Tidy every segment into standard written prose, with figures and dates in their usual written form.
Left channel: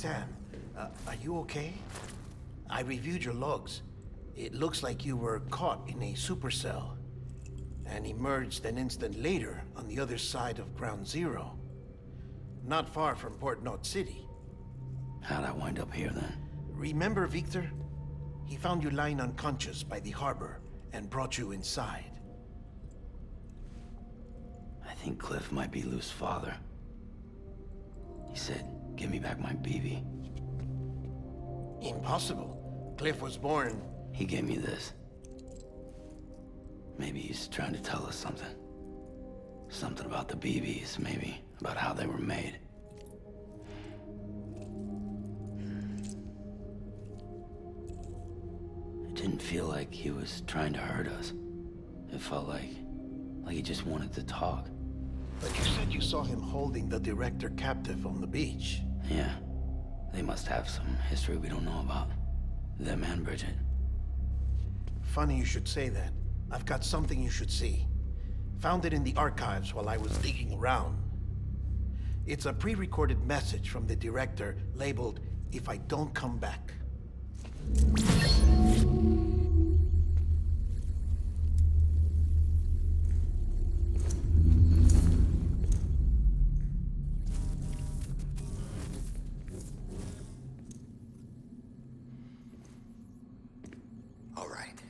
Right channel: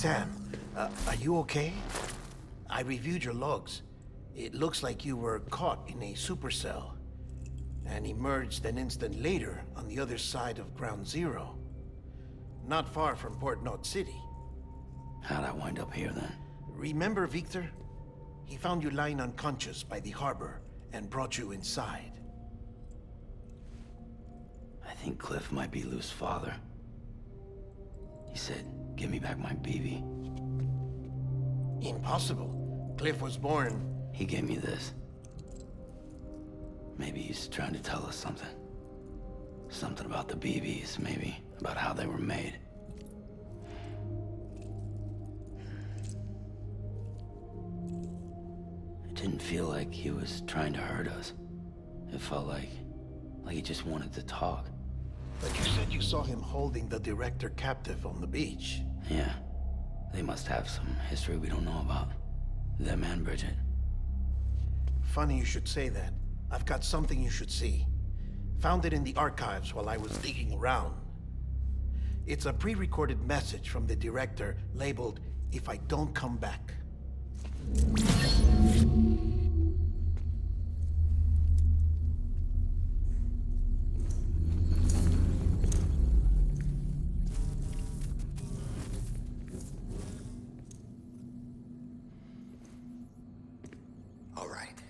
Sam, are you okay? I reviewed your logs. It looks like you were caught in a supercell and emerged an instant later on the other side of Ground Zero. Not far from Port Knot City. How'd I wind up here then? Remember Victor? He found you lying unconscious by the harbor and brought you inside. I think Cliff might be Lou's father. He said, give me back my BB. Impossible. Cliff was born... He gave me this. Maybe he's trying to tell us something. Something about the BBs, maybe. About how they were made. It didn't feel like he was trying to hurt us. It felt like he just wanted to talk. But you said you saw him holding the director captive on the beach. Yeah. They must have some history we don't know about. Them and Bridget. Funny you should say that. I've got something you should see. Found it in the archives while I was digging around. It's a pre-recorded message from the director labeled, "If I don't come back." All right.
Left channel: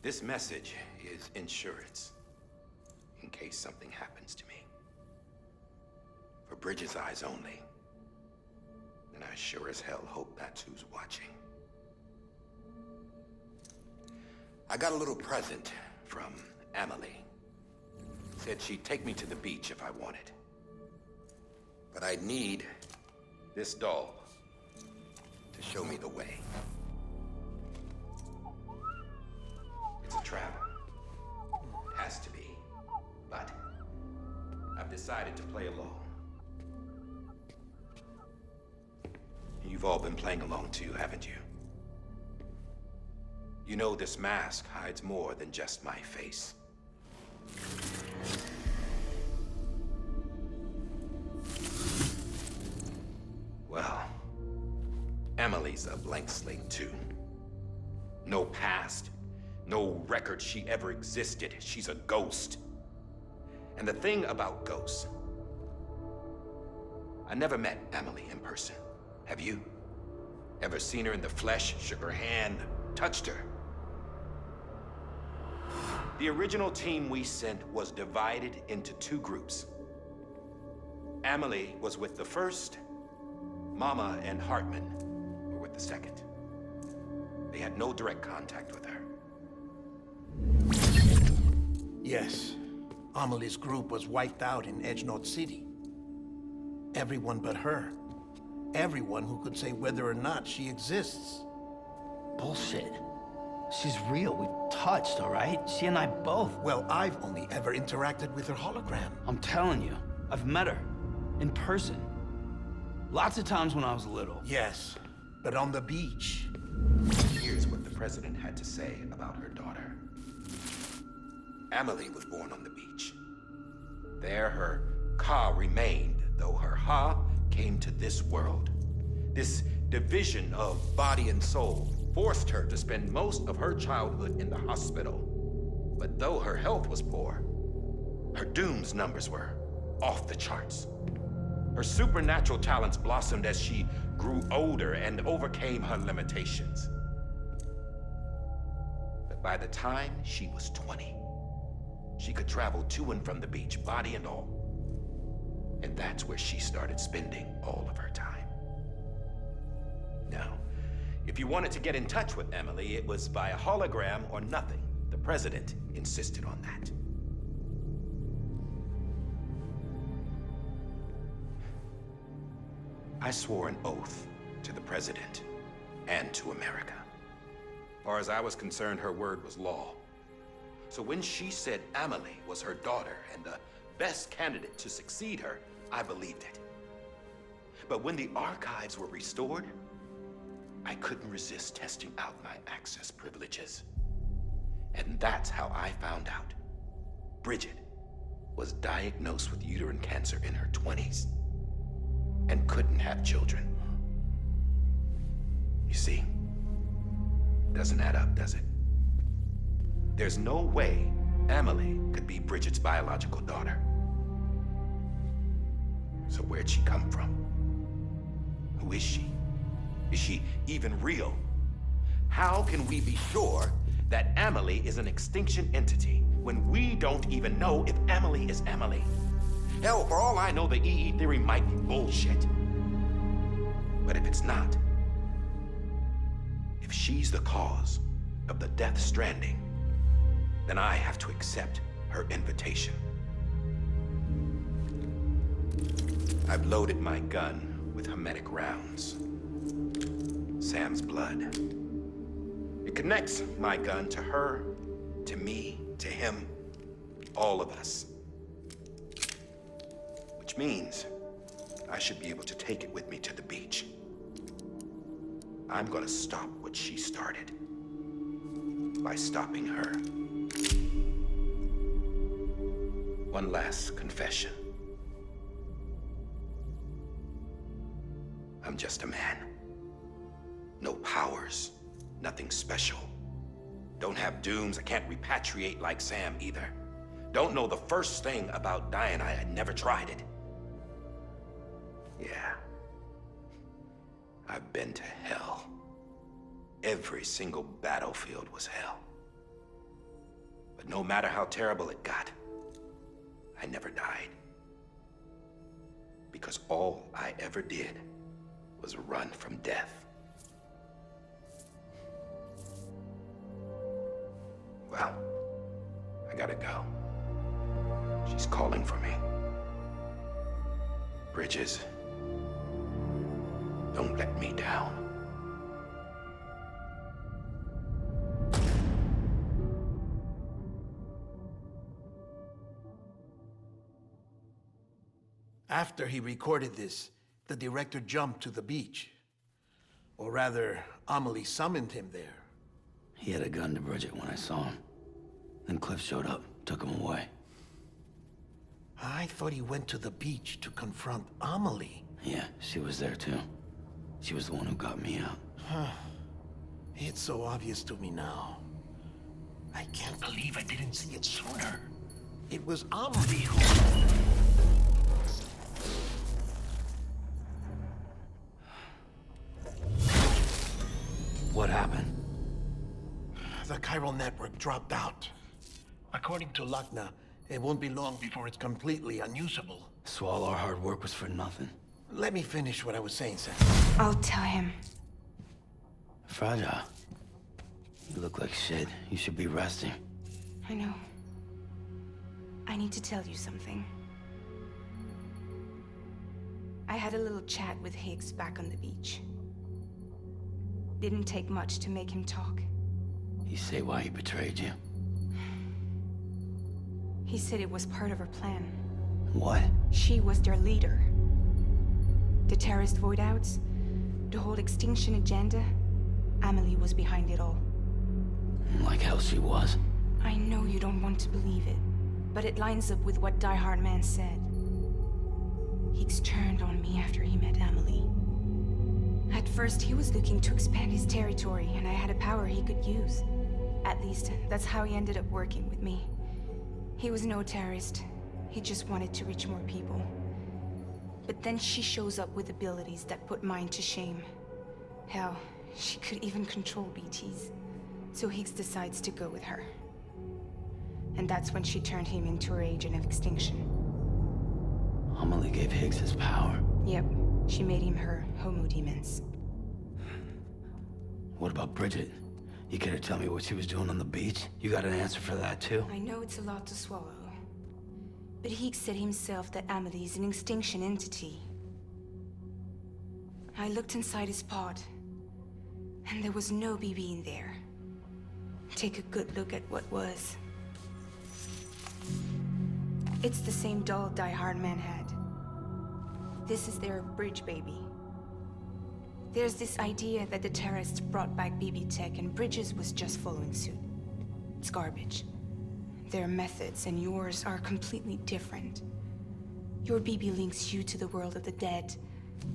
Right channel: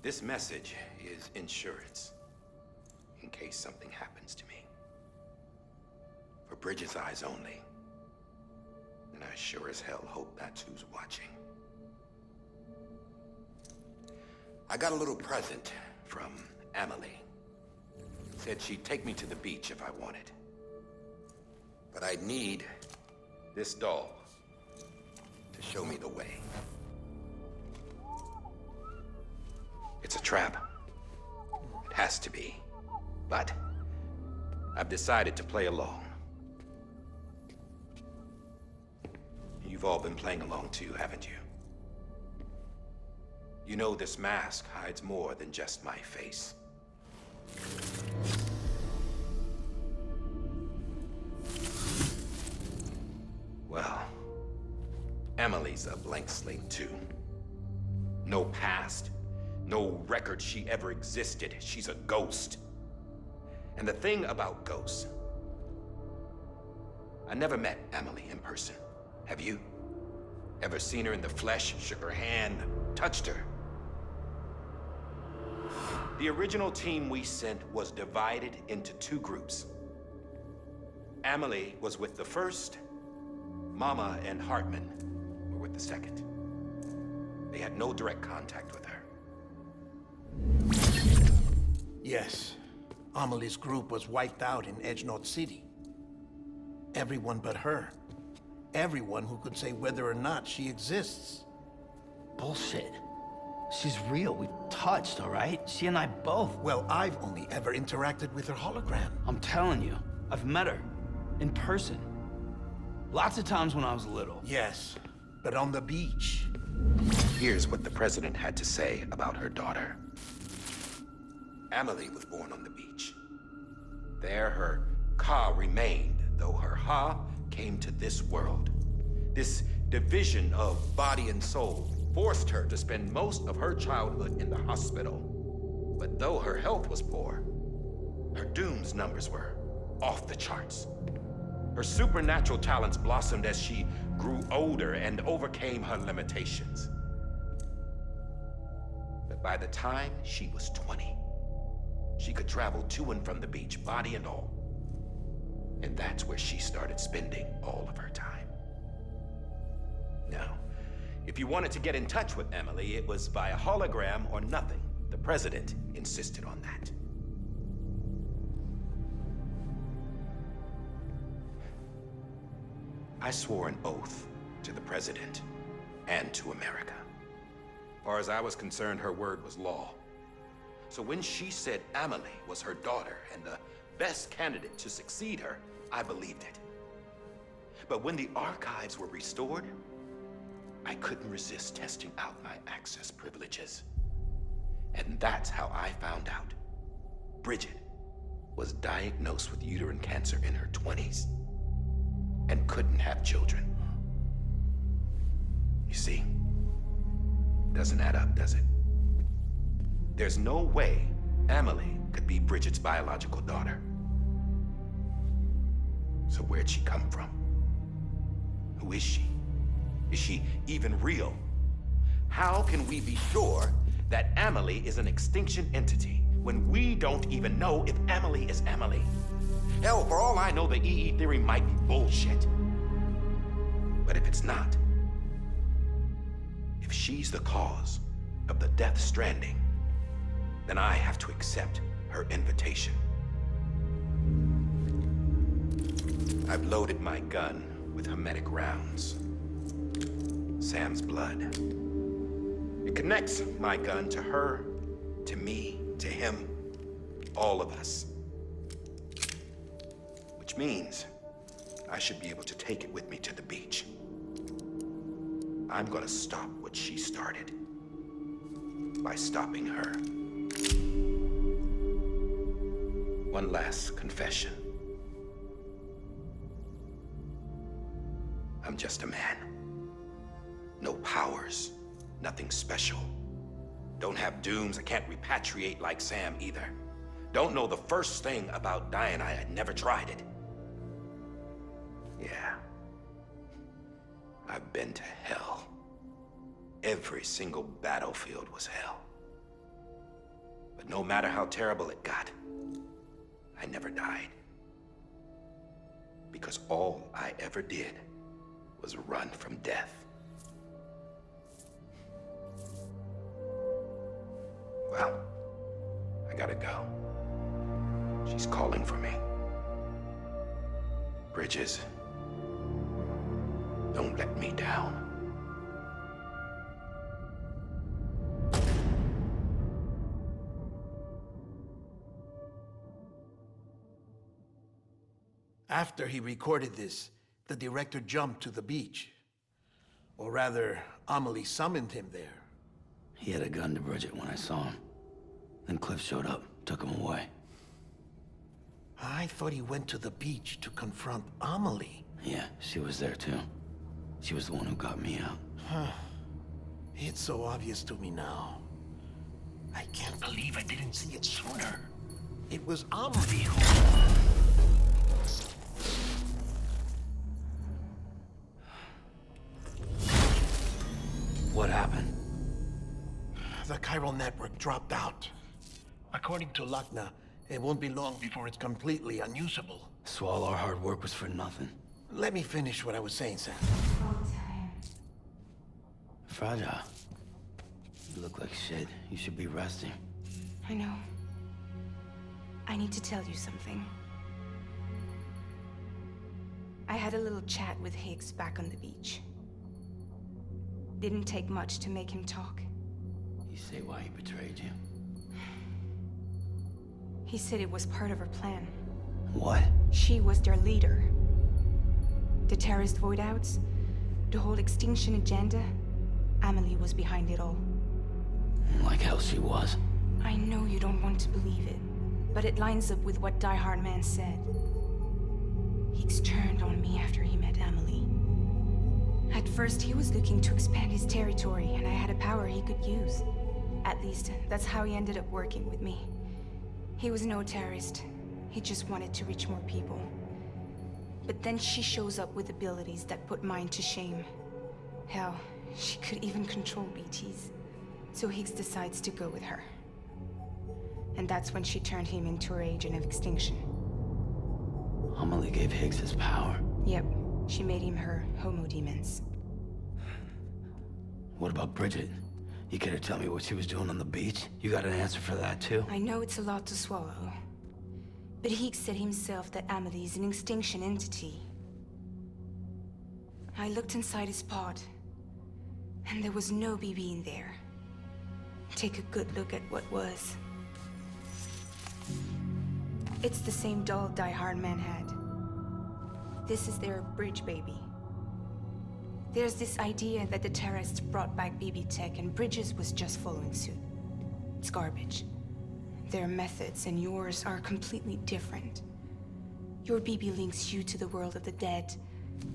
This message is insurance, in case something happens to me. For Bridget's eyes only. And I sure as hell hope that's who's watching. I got a little present from Amelie. Said she'd take me to the beach if I wanted. But I'd need this doll to show me the way. It's a trap. It has to be. But I've decided to play along. You've all been playing along too, haven't you? You know this mask hides more than just my face. Well, Amelie's a blank slate too. No past, no record she ever existed. She's a ghost. And the thing about ghosts, I never met Amelie in person. Have you? Ever seen her in the flesh, shook her hand, touched her? The original team we sent was divided into two groups. Amelie was with the first, Mama and Hartman were with the second. They had no direct contact with her. Yes. Amelie's group was wiped out in Edge Knot City. Everyone but her. Everyone who could say whether or not she exists. Bullshit. She's real. We've touched, all right? She and I both. Well, I've only ever interacted with her hologram. I'm telling you, I've met her. In person. Lots of times when I was little. Yes, but on the beach. Here's what the president had to say about her daughter. Amelie was born on the beach. There her Ka remained, though her Ha came to this world. This division of body and soul forced her to spend most of her childhood in the hospital. But though her health was poor, her Doom's numbers were off the charts. Her supernatural talents blossomed as she grew older and overcame her limitations. But by the time she was 20, she could travel to and from the beach, body and all. And that's where she started spending all of her time. Now, if you wanted to get in touch with Amelie, it was via hologram or nothing. The president insisted on that. I swore an oath to the president and to America. As far as I was concerned, her word was law. So when she said Amelie was her daughter and the best candidate to succeed her, I believed it. But when the archives were restored, I couldn't resist testing out my access privileges. And that's how I found out Bridget was diagnosed with uterine cancer in her 20s. and couldn't have children. You see, doesn't add up, does it? There's no way Amelie could be Bridget's biological daughter. So where'd she come from? Who is she? Is she even real? How can we be sure that Amelie is an extinction entity when we don't even know if Amelie is Amelie? Hell, for all I know, the EE theory might be bullshit. But if it's not, if she's the cause of the Death Stranding, then I have to accept her invitation. I've loaded my gun with hermetic rounds. Sam's blood. It connects my gun to her, to me, to him, all of us. Which means I should be able to take it with me to the beach. I'm gonna stop what she started by stopping her. One last confession. I'm just a man. No powers, nothing special. Don't have dooms, I can't repatriate like Sam either. Don't know the first thing about dying, I had never tried it. Yeah. I've been to hell. Every single battlefield was hell. But no matter how terrible it got, I never died. Because all I ever did was run from death. Well, I gotta go. She's calling for me. Bridges, don't let me down. After he recorded this, the director jumped to the beach. Or rather, Amelie summoned him there. He had a gun to Bridget when I saw him. Then Cliff showed up, took him away. I thought he went to the beach to confront Amelie. Yeah, she was there too. She was the one who got me out. It's so obvious to me now. I can't believe I didn't see it sooner. It was Amelie who... What happened? The chiral network dropped out. According to Lachna, it won't be long before it's completely unusable. So all our hard work was for nothing. Let me finish what I was saying, Sam. I'll tell him. Fragile. You look like shit. You should be resting. I know. I need to tell you something. I had a little chat with Higgs back on the beach. Didn't take much to make him talk. You say why he betrayed you? He said it was part of her plan. What? She was their leader. The terrorist void-outs, the whole extinction agenda, Amelie was behind it all. Like hell she was. I know you don't want to believe it, but it lines up with what Die-Hardman said. Higgs turned on me after he met Amelie. At first, he was looking to expand his territory, and I had a power he could use. At least, that's how he ended up working with me. He was no terrorist. He just wanted to reach more people. But then she shows up with abilities that put mine to shame. Hell, she could even control BTs. So Higgs decides to go with her. And that's when she turned him into her agent of extinction. Amelie gave Higgs his power. Yep, she made him her homo demons. What about Bridget? You care to tell me what she was doing on the beach? You got an answer for that too? I know it's a lot to swallow. But Higgs said himself that Amelie is an extinction entity. I looked inside his pod, and there was no BB in there. Take a good look at what was. It's the same doll Die-Hardman had. This is their bridge baby. There's this idea that the terrorists brought back BB tech and Bridges was just following suit. It's garbage. Their methods and yours are completely different. Your BB links you to the world of the dead,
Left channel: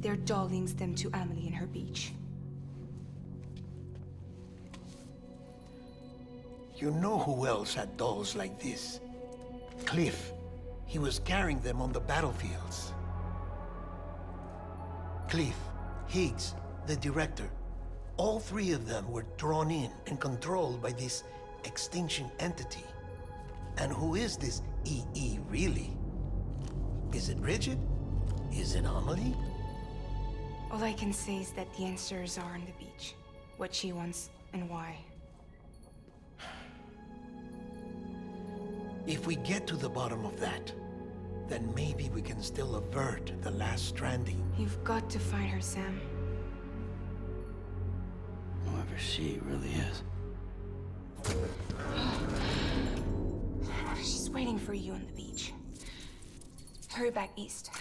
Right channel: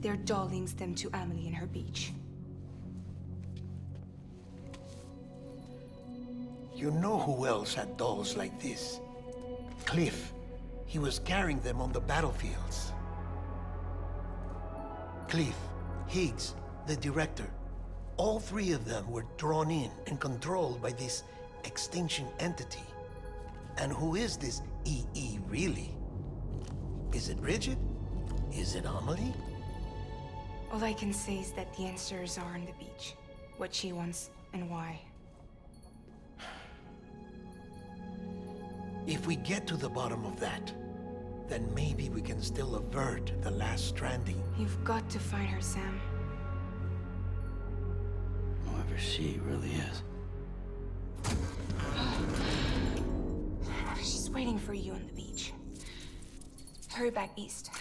Their doll links them to Amelie and her beach. You know who else had dolls like this? Cliff. He was carrying them on the battlefields. Cliff, Higgs, the director. All three of them were drawn in and controlled by this extinction entity. And who is this EE really? Is it Bridget? Is it Amelie? All I can say is that the answers are on the beach. What she wants and why. If we get to the bottom of that, then maybe we can still avert the last stranding. You've got to find her, Sam. Whoever she really is. She's waiting for you on the beach. Hurry back east.